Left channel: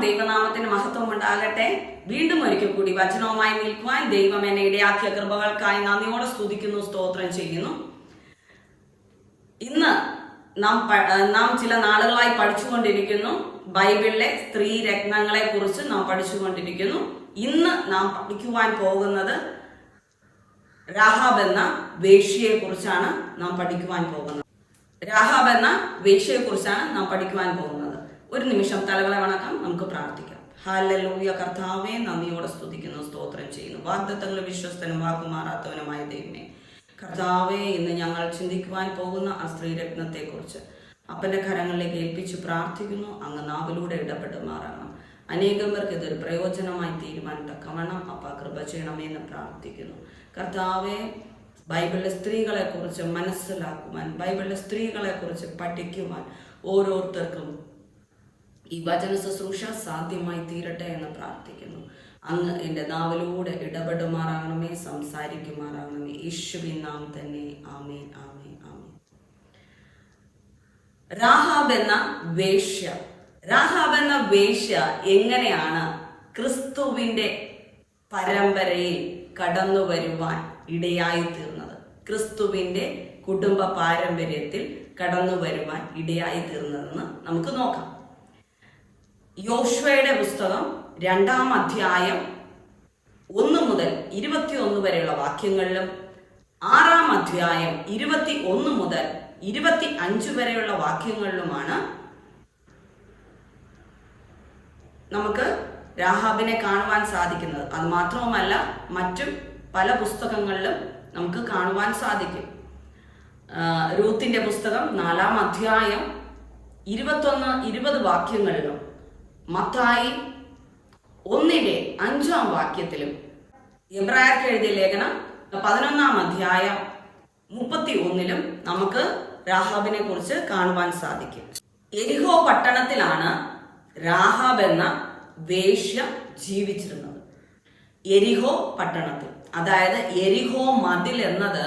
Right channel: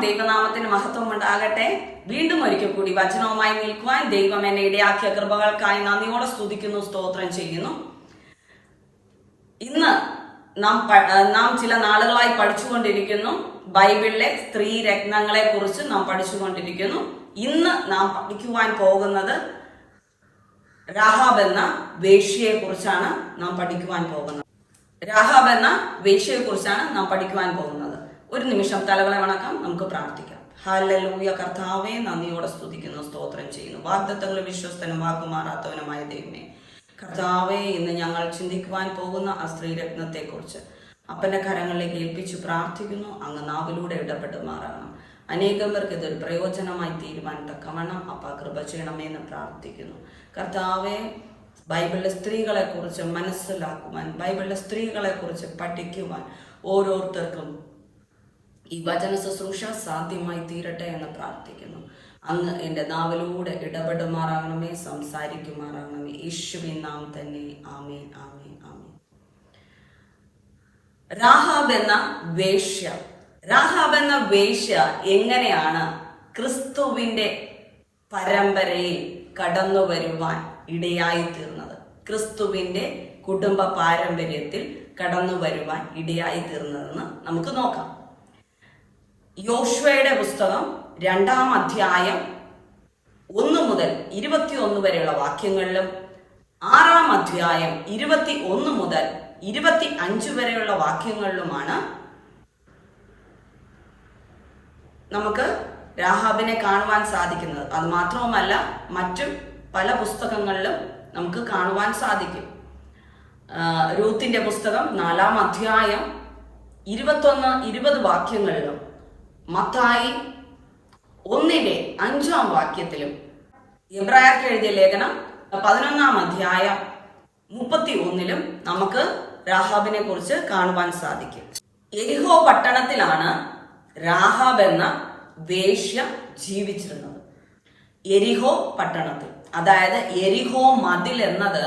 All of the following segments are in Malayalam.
ദൈവനാമത്തിന് മഹത്വം ഉണ്ടാകട്ടെ. വീണ്ടും ഒരിക്കൽ കൂടി വചനവുമായി നിൽക്കുവാൻ ദൈവം എന്നെ ഇടയാക്കിയ കൃപകൾക്കായി നന്ദിയോടെ സ്തുതിക്കുന്നു സ്തോത്രം ചെയ്യുന്നു. ഇന്ന് നാം നാം ചില നാളുകളായി പഠിച്ചുകൊണ്ടിരിക്കുന്നു. ബൈബിളിലെ സ്ത്രീ രത്നങ്ങളെ കുറിച്ച് നാം പഠിച്ചുകൊണ്ടിരിക്കുന്നു. ഇന്ന് നാം പഠിക്കുവാൻ പോകുന്നത് രാഹാബ് എന്ന വേഷ്യയെ കുറിച്ചാണ് നാം പഠിക്കുവാൻ പോകുന്നത്. രാഹാബ് എന്ന വേഷ്യയെ കുറിച്ചാണ് നാം പഠിക്കുവാൻ പോകുന്നത്. ഒരു നിമിഷം തലകളെ വണക്കാം നമുക്ക് പ്രാർത്ഥിക്കാം. ഹാലൂയ കർത്താവെ നന്ദിയോടെ സ്തുതിക്കുന്നു സ്തോത്രം ചെയ്യുന്നു. വാഗ്ദത്തങ്ങൾ വിശ്വസ്തനും വാക്കുമാറാത്തവനുമായ ദൈവനെ കർത്താവെ ഇന്ന് ഞങ്ങൾ ചിന്തിക്കുവാൻ പോകുന്ന ആ സ്ത്രീരത്നത്തെ കുറിച്ച് അപ്പന്റെ കരങ്ങളിലേക്ക് ഏൽപ്പിച്ച് പ്രാർത്ഥിക്കുന്നു. അങ്ങ് നാവിലൂടെ ഇടപെട്ട് മാറണം. അനേകം പേർക്ക് ഇതൊരു പ്രയോജനമായി തീരുവാൻ തക്കവണ്ണം അപ്പ കൃപ ചെയ്യണമെന്ന് പ്രാർത്ഥിക്കുന്നു. കർത്താവെ ബൈബിളിലെ സ്ത്രീകളെ കുറിച്ച് മനസ്സിലാക്കുവാൻ ബൈബിളിലെ സ്ത്രീകളെ കുറിച്ച് പഠിക്കുവാൻ ഓരോരുത്തർക്കും ഈ വചന ശുശ്രൂഷ സാധ്യമായി തീരട്ടെ എന്ന് പ്രാർത്ഥിക്കുന്നു. അങ്ങ് എന്റെ നാവിലൂടെ ഇടപെടുമാറാകണമേ സംസാരിക്കുമാറാകണമേ. യേശുവിൻ നാം തന്നെ. ആമേൻ ആമേൻ ആമേൻ. രാഹാബ് എന്ന വേശ്യ. രാഹാബ് എന്ന വേശ്യ എങ്ങനെയാണ് ക്രിസ്തുവിന്റെ പരമ്പരയിൽ കടന്നു വരുവാൻ ഇടയായി തീർന്നത്? ക്രിസ്തുവിന്റെ കുടുംബ പാരമ്പര്യത്തിൽ കടന്നു വരുവാൻ ഇടയായി തീർന്നതെന്ന് നമുക്ക് നോക്കാം. യോശ്വയുടെ പുസ്തകം രണ്ടാം അധ്യായം ഒന്ന് മുതൽ ഇരുപത്തിയൊന്ന് വരെയുള്ള വാക്യങ്ങളിലും ആറാം അധ്യായം ഇരുപത്തി ഒന്ന് മുതൽ ഇരുപത്തി അഞ്ച് വരെയുള്ള വാക്യങ്ങളിലുമാണ് നമുക്ക് രാഹാബിനെ കാണുവാൻ സാധിക്കുന്നത്. അത് മാത്രവുമല്ല മറ്റു പല പുസ്തകങ്ങളിലും നമുക്ക് കാണുവാൻ സാധിക്കും. രൂത്തിന്റെ പുസ്തകം നാലാം അധ്യായം ഇരുപത്തൊന്ന് ഇരുപത് വാക്യങ്ങളിലും മത്തായി ഒന്നിന്റെ അഞ്ചാം വാക്യത്തിലും എബ്രായർക്ക് എഴുതിയ ലേഖനം പതിനൊന്നാം അധ്യായം മുപ്പത്തി ഒന്നിലും നമുക്ക് രാഹാബിനെ കുറിച്ച് കാണുവാൻ സാധിക്കും. എരിഹോ പട്ടണത്തിലാണ് രാഹാബ് എന്ന വേശ്യ ജീവിച്ചിരുന്നത്. എരിഹോ പട്ടണത്തിൽ അതായത് എരിഹോ മതിൽ എന്നത്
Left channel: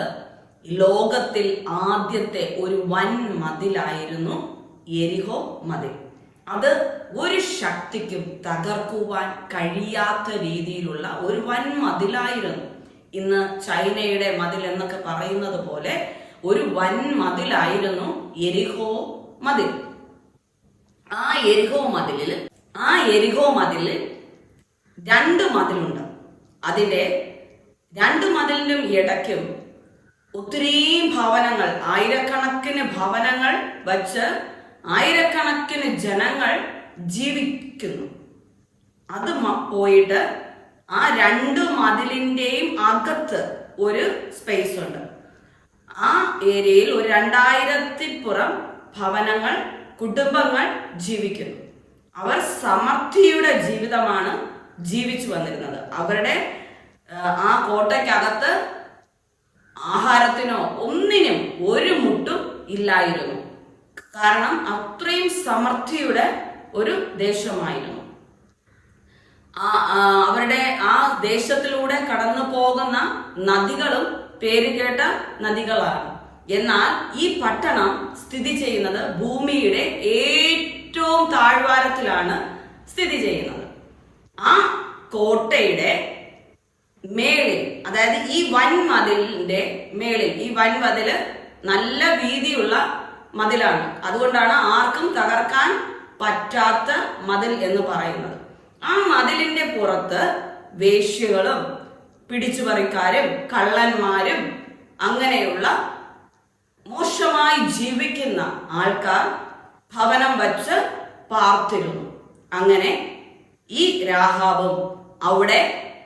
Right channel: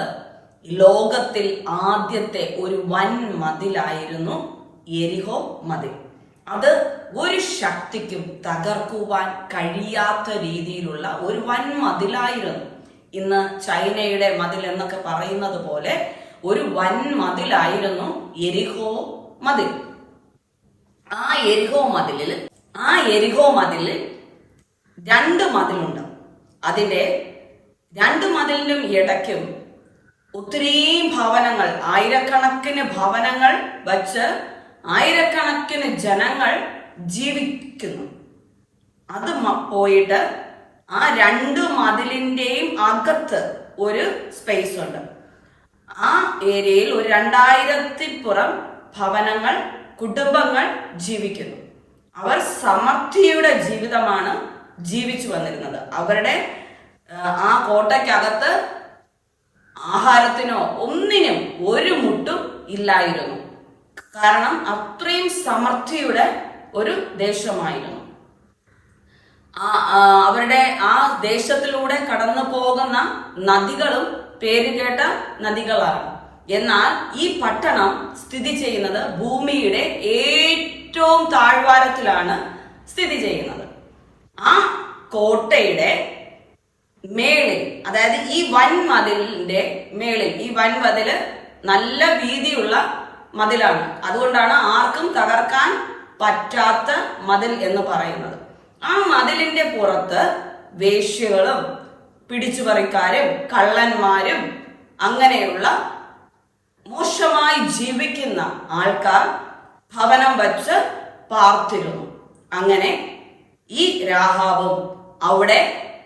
ലോകത്തിൽ ആദ്യത്തെ ഒരു വൻ മതിലായിരുന്നു എരിഹോ മതിൽ. അത് ഒരു ശക്തിക്കും തകർക്കുവാൻ കഴിയാത്ത രീതിയിലുള്ള ഒരു വൻ മതിലായിരുന്നു ഇന്ന് ചൈനയുടെ മതിൽ എന്നൊക്കെ പറയുന്നത് പോലെ ഒരു വൻ മതിലായിരുന്നു എരിഹോ മതിൽ. ആ എരിഹോ മതിലിൽ ആ എരിഹോ മതിലിൽ രണ്ട് മതിലുണ്ട്. അതിന്റെ രണ്ട് മതിലിനും ഇടയ്ക്കും ഒത്തിരി ഭവനങ്ങൾ ആയിരക്കണക്കിന് ഭവനങ്ങൾ വച്ച് ആയിരക്കണക്കിന് ജനങ്ങൾ ജീവിക്കുന്നു. അത് പോയിട്ട് ആ രണ്ട് മതിലിന്റെയും അകത്ത് ഒരു സ്പേസ് ഉണ്ട്. ആ ഏരിയയിൽ ഒരു രണ്ടായിരത്തിൽ പുറം ഭവനങ്ങൾ കുടുംബങ്ങൾ ജീവിക്കുന്നു. അവർ സമൃദ്ധിയുടെ ജീവിതമാണ് ജീവിച്ചു വന്നിരുന്നത്. അവരുടെ ആ കോട്ടയ്ക്കകത്ത് ആഹാരത്തിനോ ഒന്നിനും ഒരു മുട്ടും ഇല്ലായിരുന്നു. കാരണം അത്രയും സമർത്ഥിയുടെ ഒരു ദേശമായിരുന്നു. അവരുടെ ആ ദേശത്തിലൂടെ കടന്നു പോകുന്ന നദികളും പേരുകേട്ട നദികളാണ്. എന്നാൽ ഈ പട്ടണം സ്ഥിതി ചെയ്യുന്നത് ഭൂമിയുടെ ഏറ്റവും താഴ്വാരത്തിലാണ് സ്ഥിതി ചെയ്യുന്നത്. ആ കോട്ടയുടെ മേളിൽ അതായത് ഈ വൻമതിലിന്റെ മേളിൽ ഈ വൻമതിൽ നല്ല വീതിയുള്ള മതിലാണ്. അതുകൊണ്ടാണ് ആർക്കും തകർക്കാൻ പറ്റാത്ത മതിൽ എന്ന് പറയുന്നത്. ആ മതിലിന്റെ പുറത്ത് വേശ്യകളും പിടിച്ചുപറിക്കാരും കള്ളന്മാരും അങ്ങനെയുള്ള മോശമായി ജീവിക്കുന്ന ആൾക്കാർ ഭവനം വച്ച് പാർത്തിരുന്നു. അങ്ങനെ ഈ രാഹാബും അവിടെ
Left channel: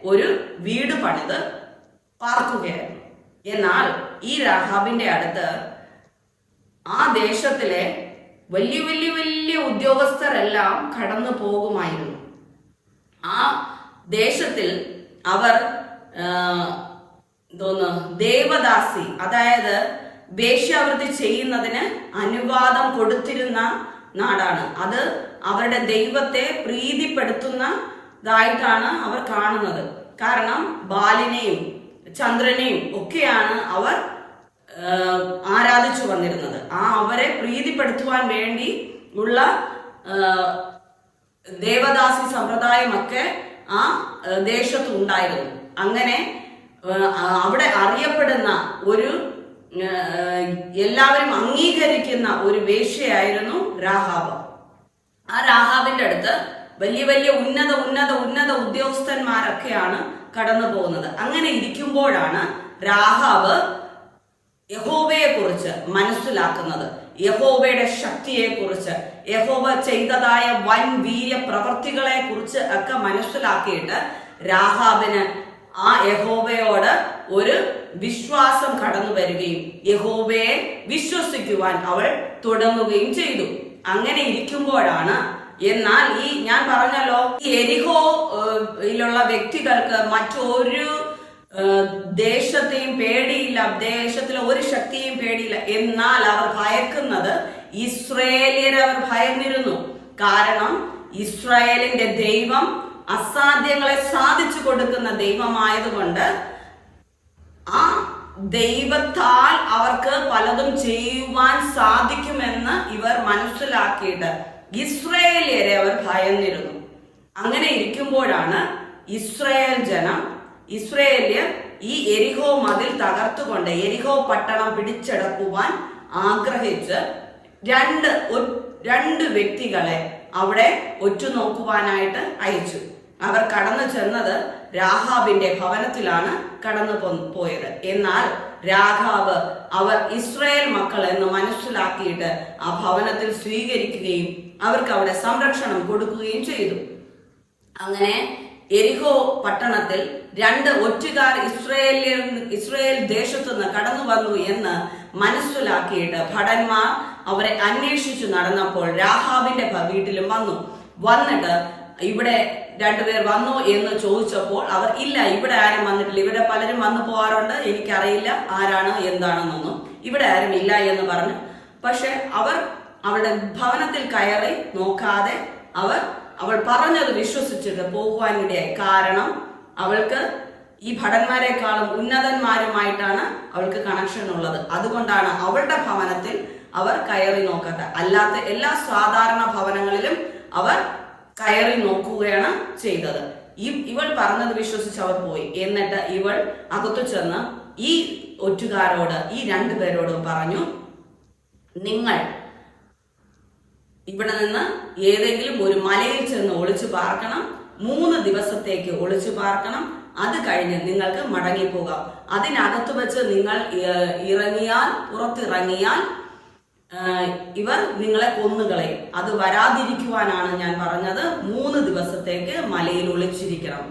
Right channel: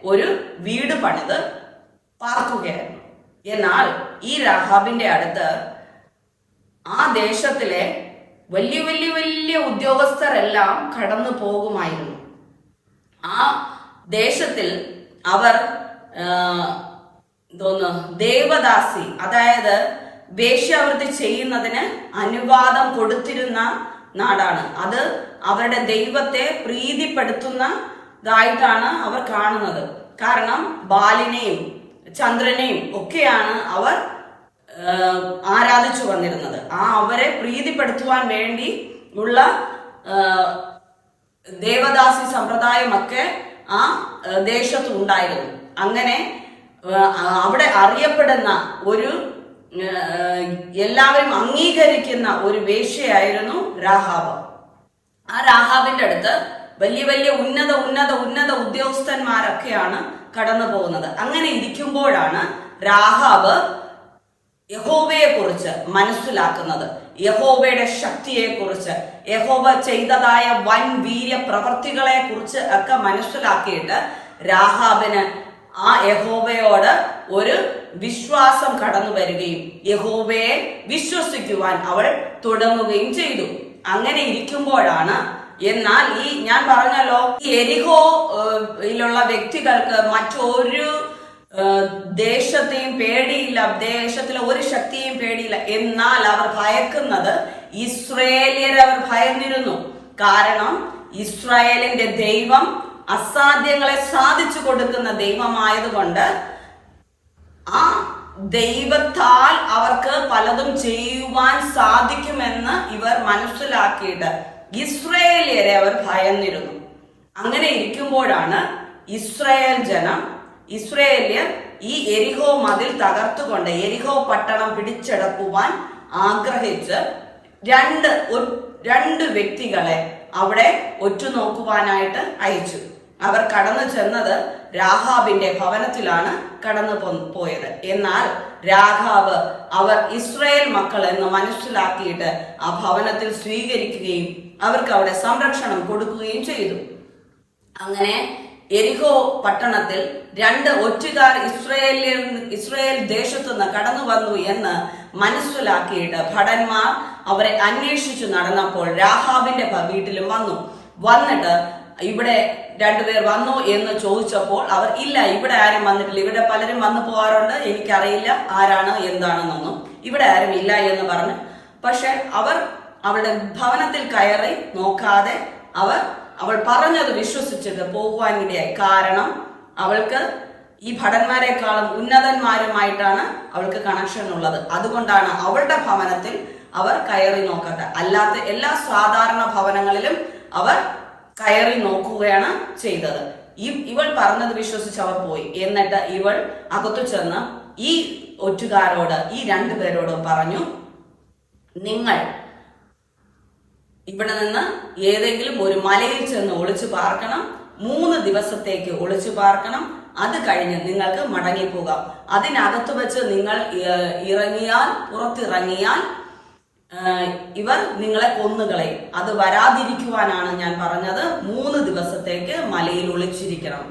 ഒരു വീട് പണിത് പാർക്കുകയായിരുന്നു. എന്നാൽ ഈ രാഹാബിന്റെ അടുത്ത് ആ ദേശത്തിലെ വലിയ വലിയ വലിയ ഉദ്യോഗസ്ഥരെല്ലാം കടന്നു പോകുമായിരുന്നു. ആ ദേശത്തിൽ അവർ തോന്നു ദേവദാസി അതായത് വേശ്യാവൃത്തി ചെയ്യുന്നതിന് അനുവാദം കൊടുത്തിരുന്ന നാടാണ്. അത് അവരുടെ ദൈവത്തെ പ്രീതിപ്പെടുത്തുന്നതായിട്ടാണ് അവർ കാണുന്നത്. കാരണം ബാലിനെയും ചന്ദ്രനെയും ഒക്കെയാണ് അവർ ആരാധിച്ചു വന്നിരുന്നത്. ആ അവരെ പ്രീതിപ്പെടുത്തുവാൻ വേണ്ടി ഉള്ള ദേവദാസി സമ്പ്രദായമൊക്കെ ആ ദേശത്ത് ഉണ്ടായിരുന്നു. അങ്ങനെ അവിടെ അറിയപ്പെടുന്ന ഒരു എല്ലാവരും അംഗീകരിക്കുന്ന ഒരു വേശ്യയായിരുന്നു രാഹാബ്. ആ രാഹാബിന്റെ അടുത്ത് വലിയ വലിയ ഉന്നത ഉന്നത ഉന്നത ഉദ്യോഗസ്ഥന്മാരൊക്കെയാണ് കടന്നു പോകുന്നത് അങ്ങനെ ഇരിക്കുമ്പോഴാണ് രാഹാബ് യഹോവയെ കുറിച്ച് മനസ്സിലാക്കുന്നത് യഹോവയുടെ ശക്തിയെ കുറിച്ച് യഹോവ ചെയ്തതായ വൻ വീര്യ പ്രവർത്തികളെ കുറിച്ച് ഒക്കെ മനസ്സിലാക്കിയിട്ട് രാഹാബിന് ആ യഹോവയോട് ഒരു വിശ്വാസം കടന്നു വരികയും യഹോവയെ വിശ്വസിക്കുവാൻ അവൾ തുടങ്ങുകയും ചെയ്തു. അങ്ങനെ ഇരിക്കുമ്പോഴാണ് എന്നാൽ ഈ ഞാൻ പറഞ്ഞല്ലോ ഈ എരിഹോ ഏഹ്, യിലുള്ള വ്യക്തികൾക്ക് മറ്റൊരു ദേശത്തെയും പേടിയില്ല ദേശത്തിലെ ഒരു ശക്തിയും പേടിയില്ല. എന്നാൽ അവർ ഭയക്കുന്നത് ഇസ്രയേലിയരെ അവർ ഭയന്നിരുന്നു. കാരണം ഇസ്രായേലിന്റെ ദൈവം അസാധ്യങ്ങളെ സാധിച്ചു കൊടുക്കുന്ന ദൈവമായതുകൊണ്ട് ആ ദൈവത്താൽ അവർക്ക് പലതും ചെയ്യുവാൻ സാധിക്കുമെന്ന് ഇവർ മനസ്സിലാക്കിയിട്ട് ഇസ്രയേലിയരെ അവർ ഭയന്നിരുന്നു. അങ്ങനെ ഇരിക്കുമ്പോഴാണ് ഇസ്രയേൽ ജനം ഇസ്രയേലിയർ ഈ എരിഹോ മതിൽ തകർത്തുകൊണ്ട് എരിഹോ പട്ടണം പിടിച്ചെടുക്കുവാൻ ആഗ്രഹിച്ച് രണ്ട് രണ്ട് വ്യക്തികളെ അവിടെ ഒറ്റുനോക്കുവാനായിട്ട് അയച്ചു. അവർ കടന്നു ചെന്നത് രാഹാബിന്റെ ഭവനത്തിലാണ് കടന്നു പോയത്. എന്നാൽ രാഘാവ് അവർ ഇസ്രയേൽ മക്കൾ എന്ന് മനസ്സിലാക്കിയിട്ട് ആ ഭവനത്തിൽ സ്വീകരിക്കുകയും അവർക്ക് അവിടെ സംരക്ഷണം കൊടുക്കുകയും ചെയ്തു. അങ്ങനെ എരിഹോ പട്ടണത്തിൽ രണ്ട് ഒറ്റുകാർ ഇസ്രയേലിൽ ഇസ്രയേൽ ദേശത്തു നിന്ന് കടന്നു വന്നു എന്ന് മനസ്സിലാക്കിയിട്ട് ഭടന്മാർ അവരെ അന്വേഷിച്ചു നടന്നപ്പോൾ രാഹാബിന്റെ വീട്ടിലും വന്നു. വന്നിട്ട് ഇവിടെ രണ്ടുപേർ വന്നു എന്ന് ചോദിച്ചപ്പോൾ അവർ ഇല്ല ഇവിടെ ആരും വന്നിട്ടില്ല. ഇവിടെ പലരും വന്നു പോകാറുണ്ട്. എനിക്കറിയില്ല ആരാണ് എന്താണെന്നൊന്നും. ഇവിടെ ആരും ഇല്ല എന്ന് പറഞ്ഞു. പക്ഷെ അവർ അവരുടെ ഭവനത്തിൽ കയറി നോക്കാതെ അവർ അവൾ പറഞ്ഞത് വിശ്വസിച്ചത് പോകുവാൻ ഇടയായി. കാരണം അവൾക്ക് ഈ ഭടന്മാരെക്കാളും ഉന്നതന്മാരുമായിട്ടാണ് അവൾക്ക് കണക്ഷൻ ഉള്ളത്. അതുകൊണ്ടാണ് അവളുടെ ഭവനത്തിൽ അവർ കയറി നോക്കട്ടെ അല്ലാത്ത എല്ലാ സാധാരണ ഭവനങ്ങളിലും അവർ കയറി നോക്കുകയാണ് ചെയ്തത്. ഈ ഇവൾ പറഞ്ഞത് വിശ്വസിച്ച് അവർ പോയി. എന്നിട്ട് ഇവൾ അകത്തു ചെന്ന് ഈ ഒറ്റുകാരോട് ഈ രണ്ടുപേരോടും പറഞ്ഞു നിങ്ങൾ ഇവിടെ നിന്ന് ഏതെങ്കിലും ഒരു മലയിൽ ചെന്ന് ഒളിച്ചു പാർക്കണം. മൂന്ന് ദിവസത്തേക്ക് ഒളിച്ചു പാർക്കണം. അത് കഴിഞ്ഞ് നിങ്ങൾക്ക് മടങ്ങിപ്പോകാം. അതിനകത്ത് വെച്ച് നിങ്ങൾ ഇറങ്ങിയാൽ പുറത്തിറങ്ങിയാൽ ഇവർ നിങ്ങളെ കൊന്നുകളയും അത് വരാതിരിക്കുവാനാണ് ഞാൻ പറഞ്ഞത്. മൂന്ന് ദിവസത്തേക്ക് മലയിൽ ഒളിച്ചിരിക്കണം.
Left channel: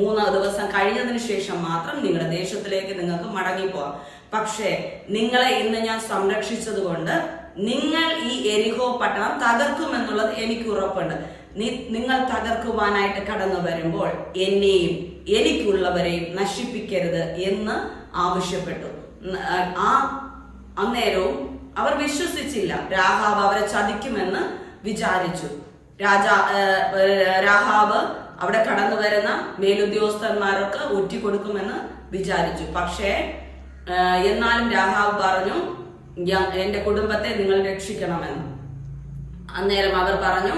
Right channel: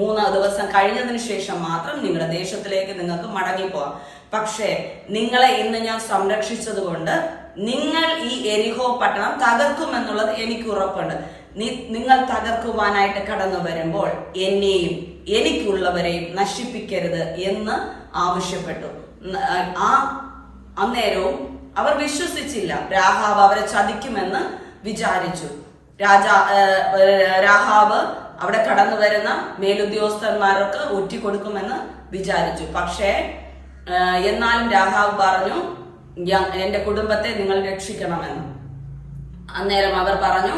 മൂന്ന് ദിവസം കഴിഞ്ഞതിന് ശേഷം മാത്രം നിങ്ങളുടെ ദേശത്തിലേക്ക് നിങ്ങൾക്ക് മടങ്ങിപ്പോവാം പക്ഷേ നിങ്ങളെ ഇന്ന് ഞാൻ സംരക്ഷിച്ചത് കൊണ്ട് നിങ്ങൾ ഈ എരിഹോ പട്ടണം തകർക്കുമെന്നുള്ളത് എനിക്ക് ഉറപ്പുണ്ട്. നിങ്ങൾ തകർക്കുവാനായിട്ട് കടന്നു വരുമ്പോൾ എന്നെയും എനിക്കുള്ളവരെയും നശിപ്പിക്കരുത് എന്ന് ആവശ്യപ്പെട്ടു. ആ അന്നേരവും അവർ വിശ്വസിച്ചില്ല. രാഹാവ് അവരെ ചതിക്കുമെന്ന് വിചാരിച്ചു. രാജാ രാഹാബ് അവിടെ കടന്നു വരുന്ന മേലുദ്യോഗസ്ഥന്മാരൊക്കെ ഒറ്റിക്കൊടുക്കുമെന്ന് വിചാരിച്ചു. പക്ഷേ എന്നാലും രാഹാവ് പറഞ്ഞു "ഞാൻ- എന്റെ കുടുംബത്തെ നിങ്ങൾ രക്ഷിക്കണമെന്ന്. അന്നേരം അവർ പറഞ്ഞു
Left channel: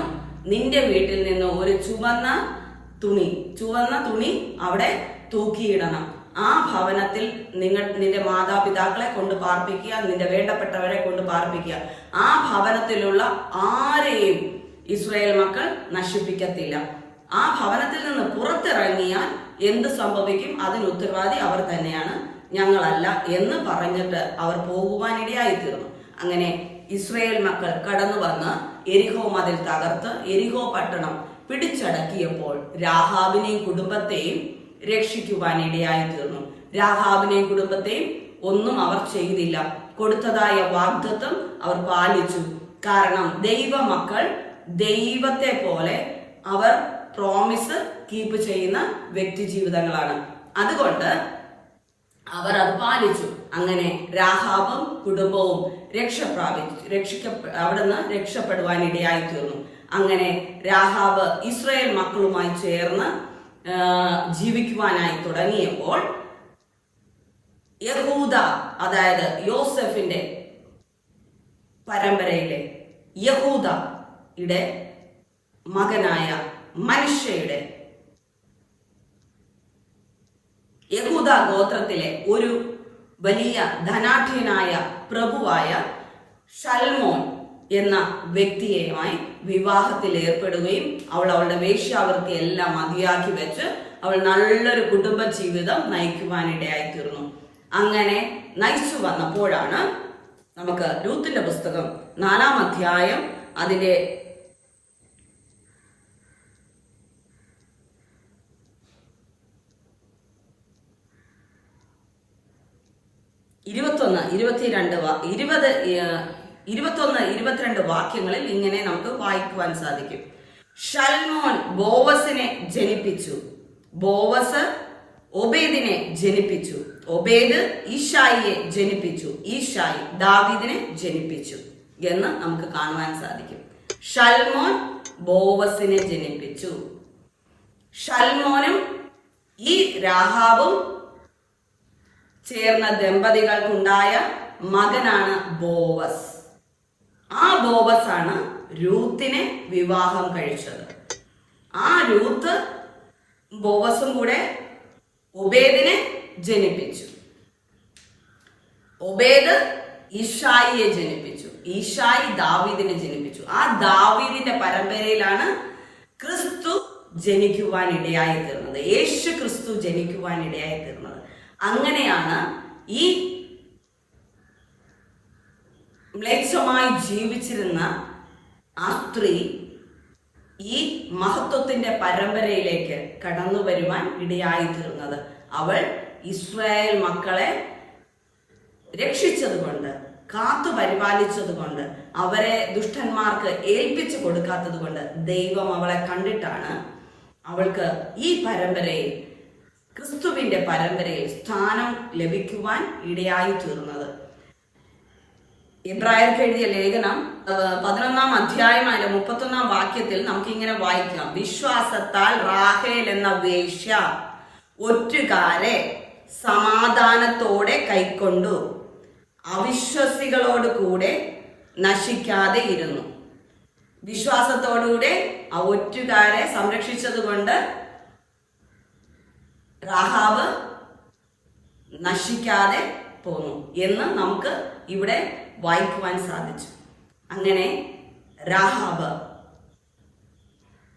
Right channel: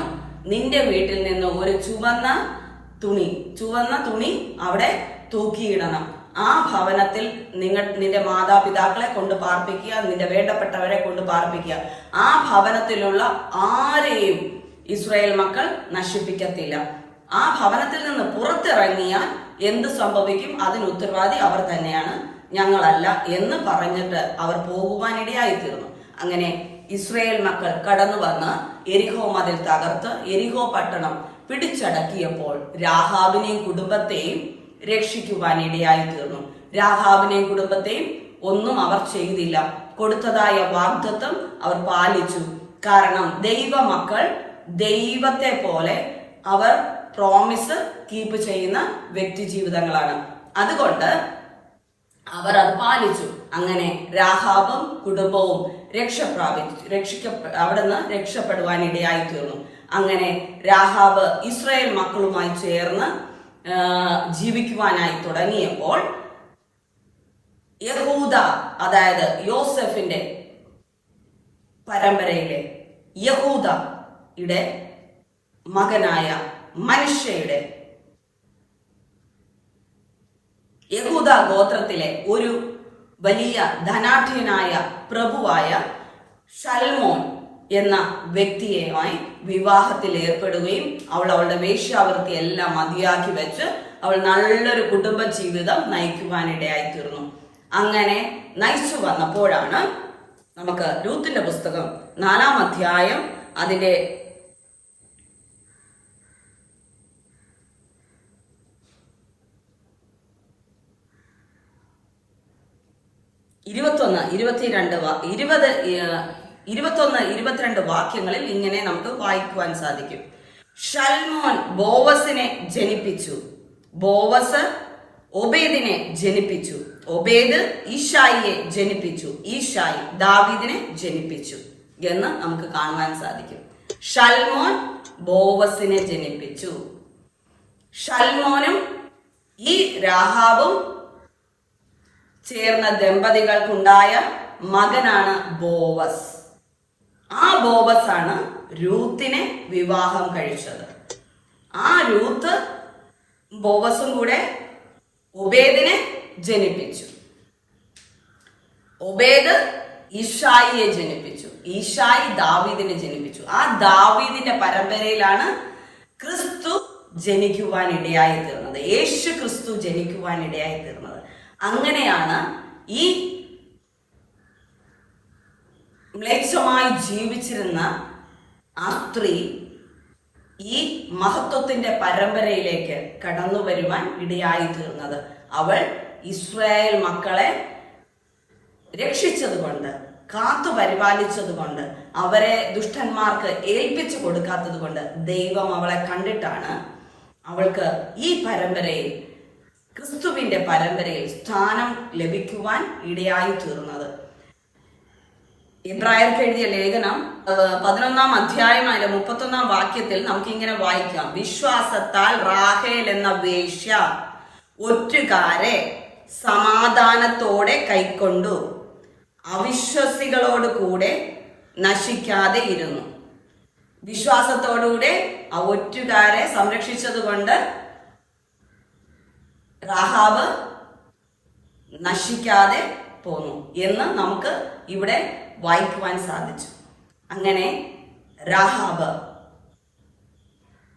നിന്റെ വീട്ടിൽ നിന്ന് ഒരു ചുവന്ന തുണി ചുവന്ന തുണി അവിടെ തൂക്കിയിടണം. ആ ഭവനത്തിൽ നിങ്ങൾ നിന്റെ മാതാപിതാക്കളെ കൊണ്ട് പാർപ്പിക്കുക നിന്റെ വേണ്ടപ്പെട്ടവരെ കൊണ്ട് പാർപ്പിക്കുക. ആ ഭവനത്തിലുള്ള ആരെയും ഇസ്രായേൽ മക്കൾ നശിപ്പിക്കത്തില്ല. ആ ഭവനത്തിൽ നിന്ന് പുറത്തിറങ്ങിയാൽ എന്ത് സംഭവിക്കും? അതിന് ഉത്തരവാദി അവർ തന്നെയാണ് ഞങ്ങളല്ല എന്ന് പറഞ്ഞിട്ട് അവർ പോകുവാനിടയായി തീർന്നു അങ്ങനെ ഇസ്രയേൽ മക്കൾ കടന്നു വന്ന് എരിഹോ മതിൽ തകർത്ത് എരിഹോ പട്ടണം പിടിച്ചടക്കിയപ്പോൾ രാഹാബിനെയും കുടുംബത്തെയും രക്ഷിക്കുവാനിടയായി തീർന്നു രാഹാബിനെയും കുടുംബത്തെയും ഒന്നും അവർ ചെയ്തില്ല. കൊടുത്തതായ വാഗ്ദത്വം അവർ പാലിച്ചു. കാരണം ദൈവ മക്കൾ ദൈവത്തെ പോലെ അവർ പ്രോമിസ് കീപ്പ് ചെയ്യുന്ന വ്യക്തി ജീവിതങ്ങളാണ് അതുകൊണ്ട് അവർ അത് പാലിച്ചു. അങ്ങനെ രാഹാബും കുടുംബവും രക്ഷപ്രാപിച്ചു. രക്ഷിക്ക അവിടുന്ന് രക്ഷപ്പെടുവാൻ ഇടയായി തീർന്നു അങ്ങനെ രാഹാബ് ഇസ്രായേൽ മക്കളുമായി ചേർന്ന് ജീവിക്കുവാനായി തുടങ്ങിയപ്പോൾ യഹൂദ അതായത് യോസഫിന്റെ പരമ്പരയിലെ യഹൂദ യുടെ മകനായ മനുഷ്യയുടെ യഹൂദ ഗോത്രത്തിലെ ഒരു വലിയ ധനാഠ്യനായ പ്രഭുവായ ഷൽമോൻ എന്ന വ്യക്തിയുമായി വിവാഹത്തിൽ ഏർപ്പെടുകയും അവൾ അവളുടെ വേശ്യാവൃത്തി എല്ലാം മതിയാക്കി വെച്ച് അവൾ നല്ലൊരു കുടുംബ ജീവിതം നയിക്കുവാനിടയായി തീർന്നു അങ്ങനെ നയിച്ചു വന്നപ്പോഴാണ് നമുക്ക് രൂത്തിന്റെ പുസ്തകം നാലാം അധ്യായം അതിന്റെ ഇരുപത്തൊന്ന് ഇരുപത്തിരണ്ട് ഇരുപത് ഇരുപത്തൊന്ന് ഇരുപത്തിരണ്ട് വാക്യങ്ങളിൽ ഇങ്ങനെ നമുക്ക് വായിക്കുവാൻ സാധിക്കും. ഷൽമോൻ ബോവസിനെ ജനിപ്പിച്ചു. ബോവസ് ഒബേദിനെ ജനിപ്പിച്ചു. ഒബേദ് ഈഷായിയെ ജനിപ്പിച്ചു. ഈഷായി ദാവീദിനെ ജനിപ്പിച്ചു എന്ന് നമുക്ക് കാണുവാൻ സാധിക്കും. ഷൽമോൻ ബോവസിനെ ജനിപ്പിച്ചു. ഷൽമോനും ഈ രാഹാബും ചേർന്ന ദമ്പതികൾക്കുണ്ടായ മകനാണ് ബോവസ്. ആ ബോവസ് ആണ് രൂത്തിനെ വിവാഹം കഴിച്ചത്. ആ രൂത്ത് ബോവസും കൂടെ ഒബേദിനെ ജനിപ്പിച്ചു. ഒബേദ് ഈഷായിയെ ജനിപ്പിച്ചു. ഈഷായി ദാവീദിനെ ജനിപ്പിച്ചു. ആ ദാവീദിന്റെ പരമ്പരയിലാണ് ക്രിസ്തു ജനിക്കുവാൻ ഇടയായി തീർന്നത്. യേശു ക്രിസ്തു ജനിക്കുവാൻ ഇടയായി തീർന്നത്. അങ്ങനെയാണ് ഈ മ്ലേച്ഛമായി ജീവിച്ചിരുന്ന ആ സ്ത്രീ ഈ മഹത്വത്തിന്റെ പരമ്പരയിലേക്ക് കടന്നു വരുവാൻ ഇടയായി തീർന്നത്. അവൾ ഇസ്രായേൽ മക്കളെ രക്ഷിച്ചതുകൊണ്ട് കാത്തു പരിപാലിച്ചതുകൊണ്ട് അവരെ ദുഷ്ടന്മാർക്ക് ഏൽപ്പിച്ചു കൊടുക്കാത്തത് കൊണ്ട് ദൈവം അവളെ കണ്ടിട്ടാണ് അവൾക്ക് ഈ പരമ്പരയിൽ ക്രിസ്തുവിന്റെ പരമ്പരയിൽ സ്ഥാനം ലഭിക്കുവാൻ ഇടയായി തീർന്നത്. ഇബ്രായർക്ക് എഴുതിയ ലേഖനം പതിനൊന്നാം അധ്യായം അതിലെ മുപ്പത്തൊന്നാം വാക്യത്തിൽ നമുക്ക് ഇങ്ങനെ വായിക്കാം. വിശ്വാസത്താൽ റാഹേൽ എന്ന വേശ്യ ഒറ്റുകാരെ സമാധാനത്തോടെ കൈക്കൊണ്ടു അവിശ്വസികളോട് കൂടെ നശിക്കാതെ ഇരുന്നു. വിശ്വാസത്തോടുകൂടെ ആ ഒറ്റുകാരെ സംരക്ഷിച്ചതുകൊണ്ട് റാഹാബ് നശിക്കാതെ പോന്നു എന്ന് നമുക്ക് ഇവിടെ വായിക്കുവാൻ സാധിച്ചു. അങ്ങനെ രാഹാബ്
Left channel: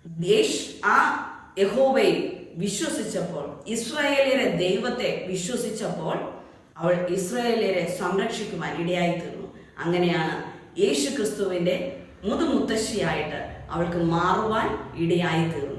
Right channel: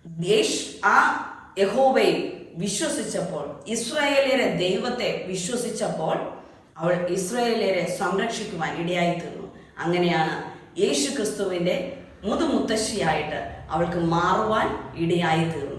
ദേശ് ആ യഹോബയിൽ വിശ്വസിച്ചപ്പോൾ ഇസ്രായേലിയരെ ദൈവത്തെ വിശ്വസിച്ചപ്പോൾ അവൾ ഇസ്രായേലിയരെ സംരക്ഷിക്കുവാൻ ഇടയായി തീർന്നു അങ്ങനെയാണ് യേശു ക്രിസ്തുവിന്റെ മുതുമുത്തശ്ശിയായിട്ട് അവൾക്ക് മാറുവാൻ ഇടയായി തീർന്നു